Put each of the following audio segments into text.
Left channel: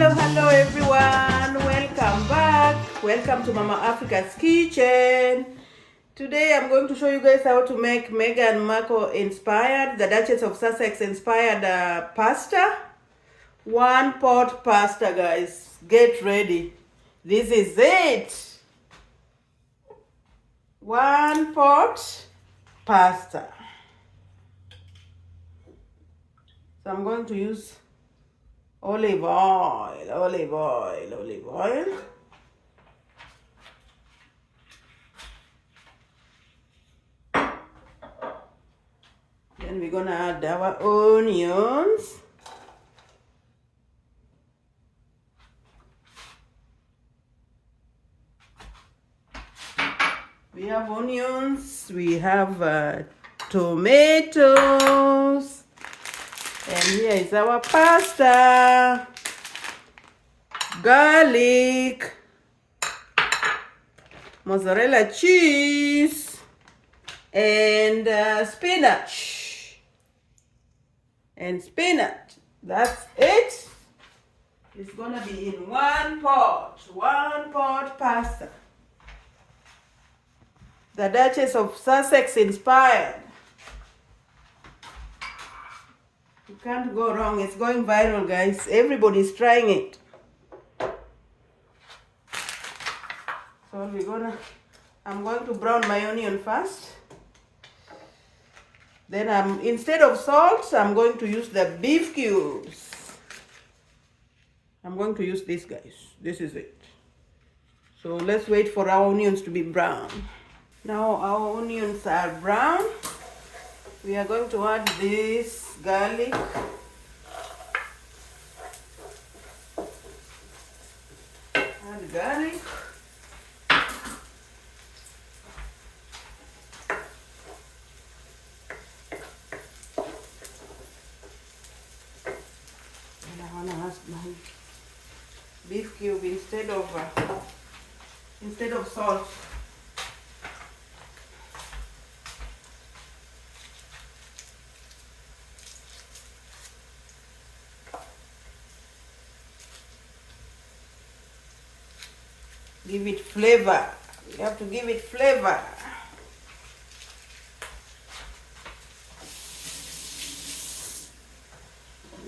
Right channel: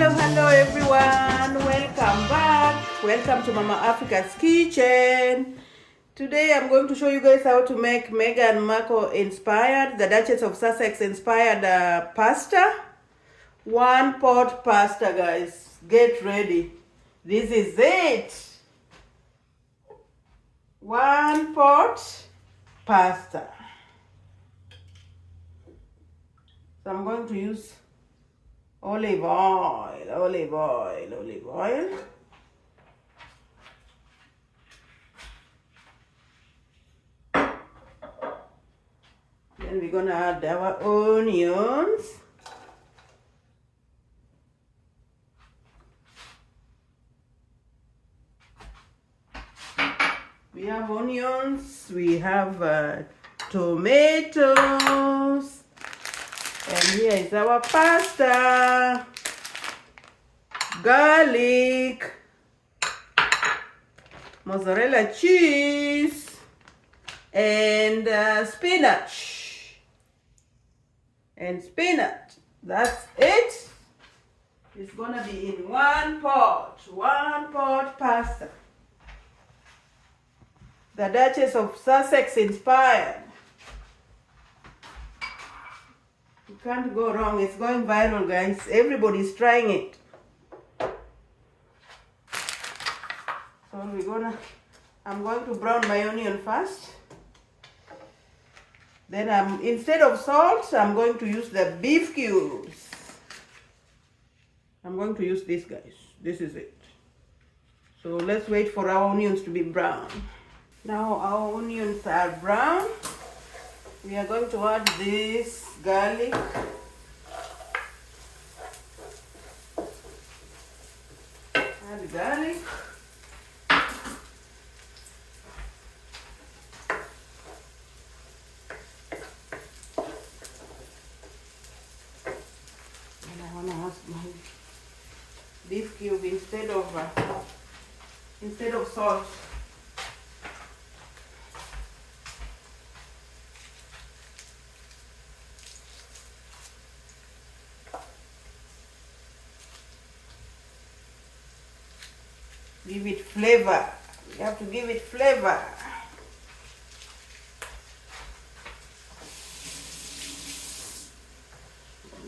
Hello everyone, welcome back. Welcome to Mama Africa's kitchen. Today I'm going to show you guys how to make Meghan Markle inspired, the Duchess of Sussex inspired pasta. One pot pasta, guys. Get ready. This is it. One pot pasta. So I'm going to use olive oil. Then we're gonna add our onions. We have onions, we have tomatoes, and here is our pasta, garlic, mozzarella cheese, and spinach. That's it. It's gonna be in one pot pasta. The Duchess of Sussex inspired. You can't go wrong. It's going viral, guys. Everybody's trying it. So I'm going to brown my onion first. Then instead of salt, I'm going to use the beef cubes. I'm going to use this, guys. This is it. So let's wait for our onions to be brown. Now our onions are brown. We are going to add this garlic. Add garlic. And I want to add my beef cube instead of salt. Give it flavor. We have to give it flavor.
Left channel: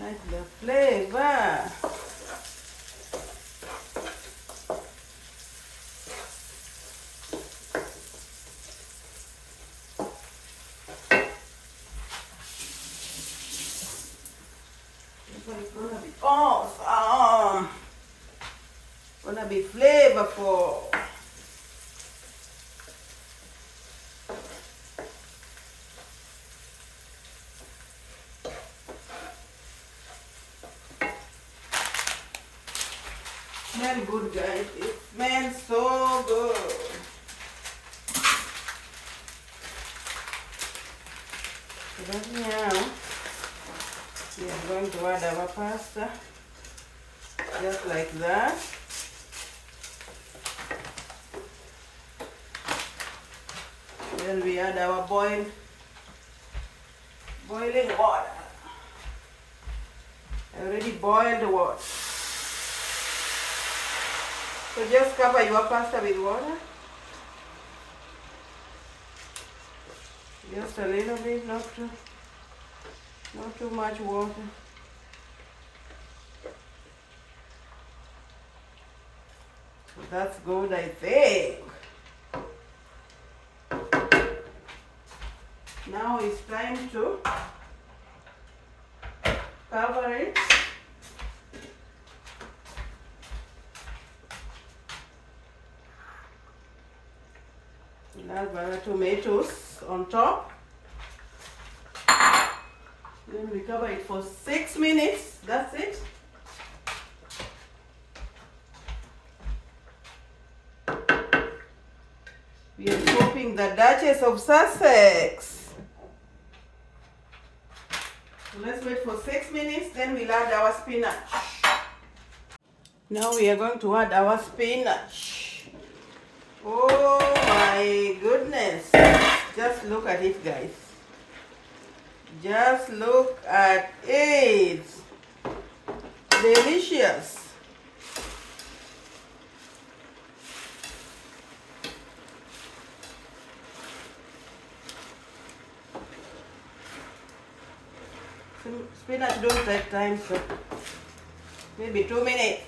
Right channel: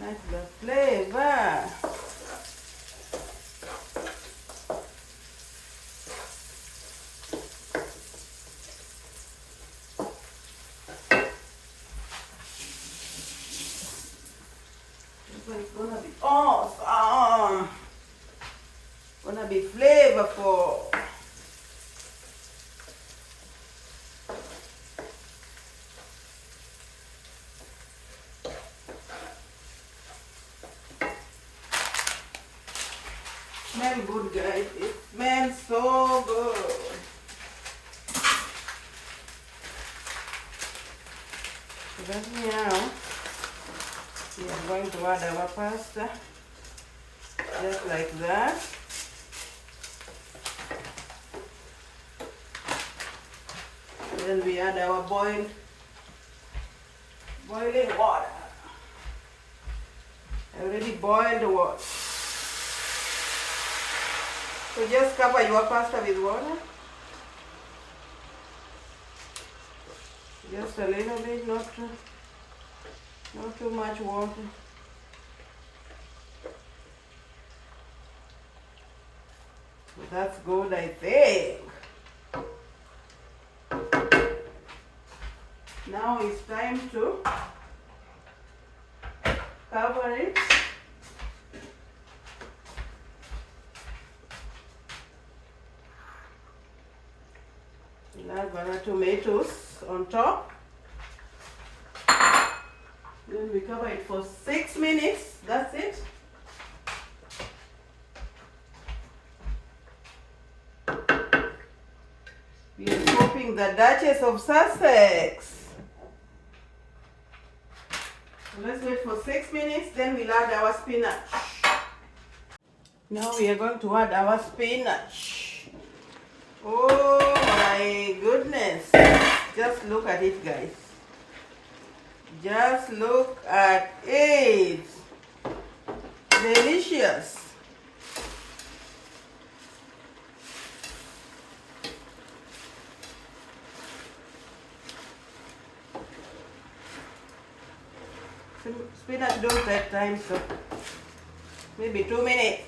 Like the flavor. This one's gonna be awesome. Gonna be flavorful. Smells good, guys. It smells so good. So right now we are going to add our pasta just like that. Then we add our boiling water. I already boiled the water. So just cover your pasta with water. Just a little bit, not too much water. So that's good, I think. Now it's time to cover it. We'll add our tomatoes on top. Then we cover it for 6 minutes. That's it. We are chopping the Duchess of Sussex. Let's wait for 6 minutes, then we'll add our spinach. Now we are going to add our spinach. Oh my goodness. Just look at it, guys. Just look at it. Delicious. Spinach don't take time, so maybe 2 minutes.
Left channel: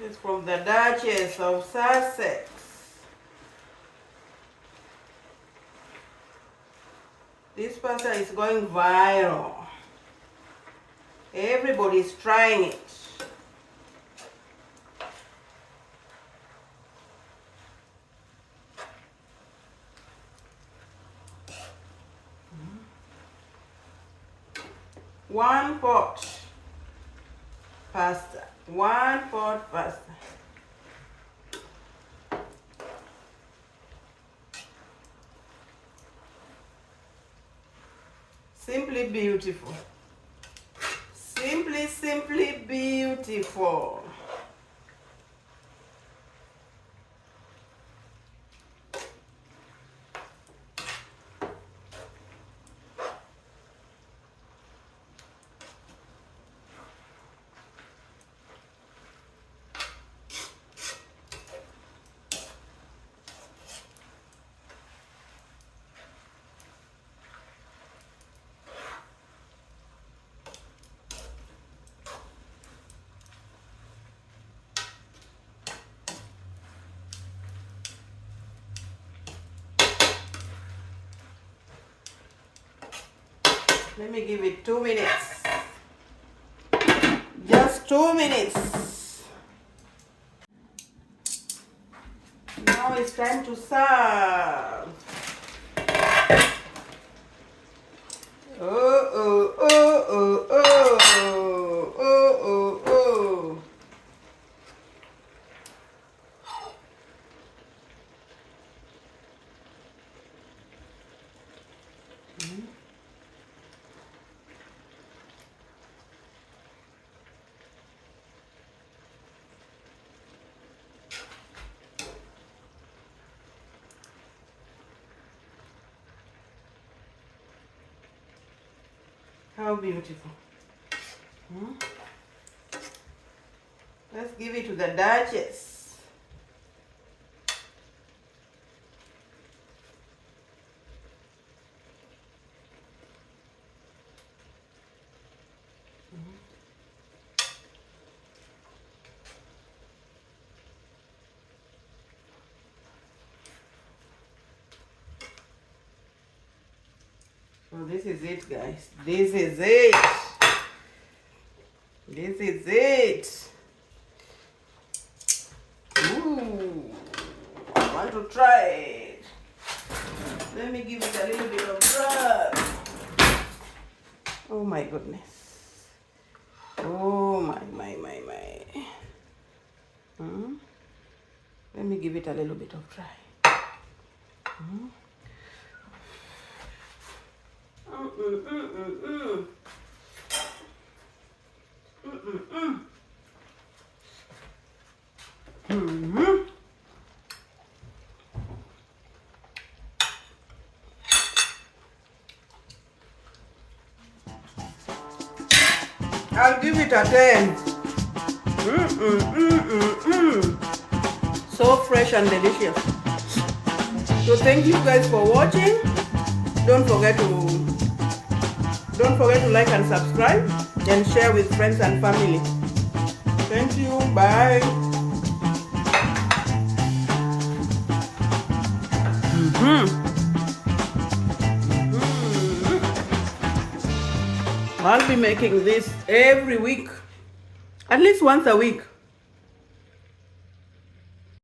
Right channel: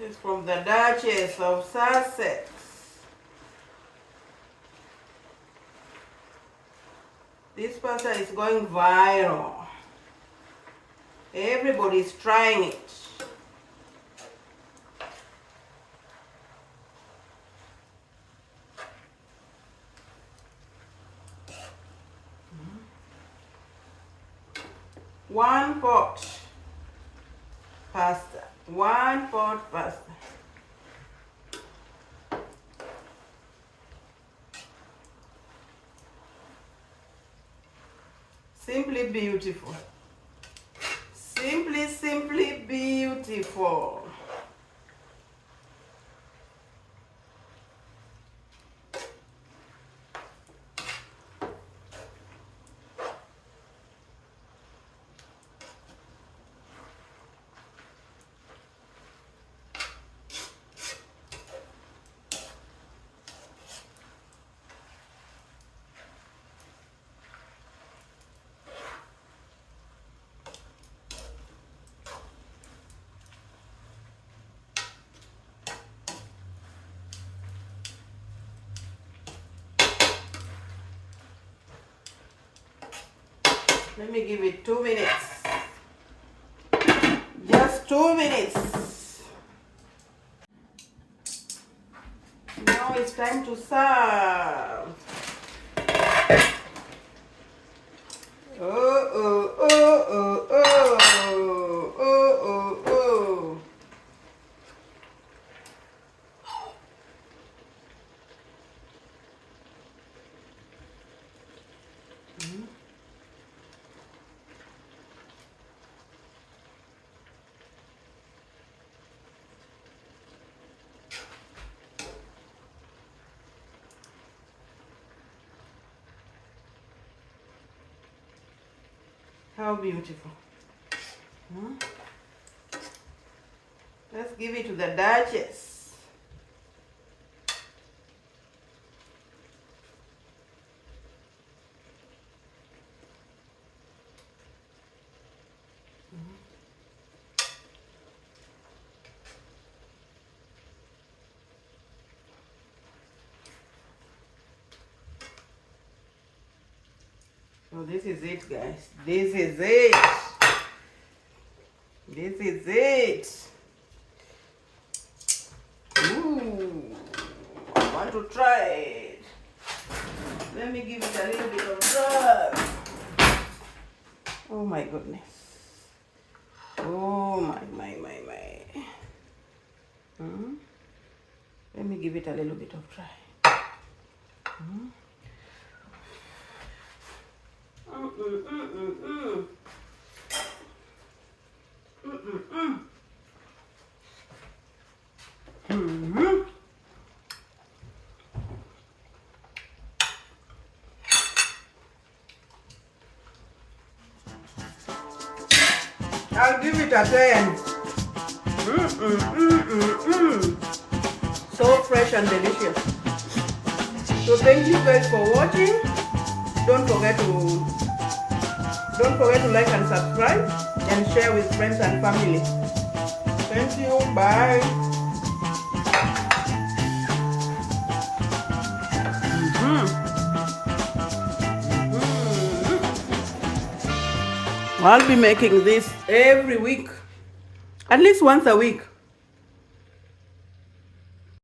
This is from the Duchess of Sussex. This pasta is going viral. Everybody's trying it. One pot pasta. 1 pot pasta. Simply beautiful. Simply beautiful. Let me give it 2 minutes. Just 2 minutes. Now it's time to serve. Oh, oh, oh, oh, oh, oh, oh, oh. How beautiful. Let's give it to the Duchess. So this is it, guys. This is it. This is it. Ooh, I want to try it. Let me give it a little bit of rub. Oh my goodness. Oh my. Let me give it a little bit of try. I'll give it a 10. So fresh and delicious. So thank you guys for watching. Don't forget to like and subscribe and share with friends and family. Thank you. Bye. I'll be making this every week, at least once a week.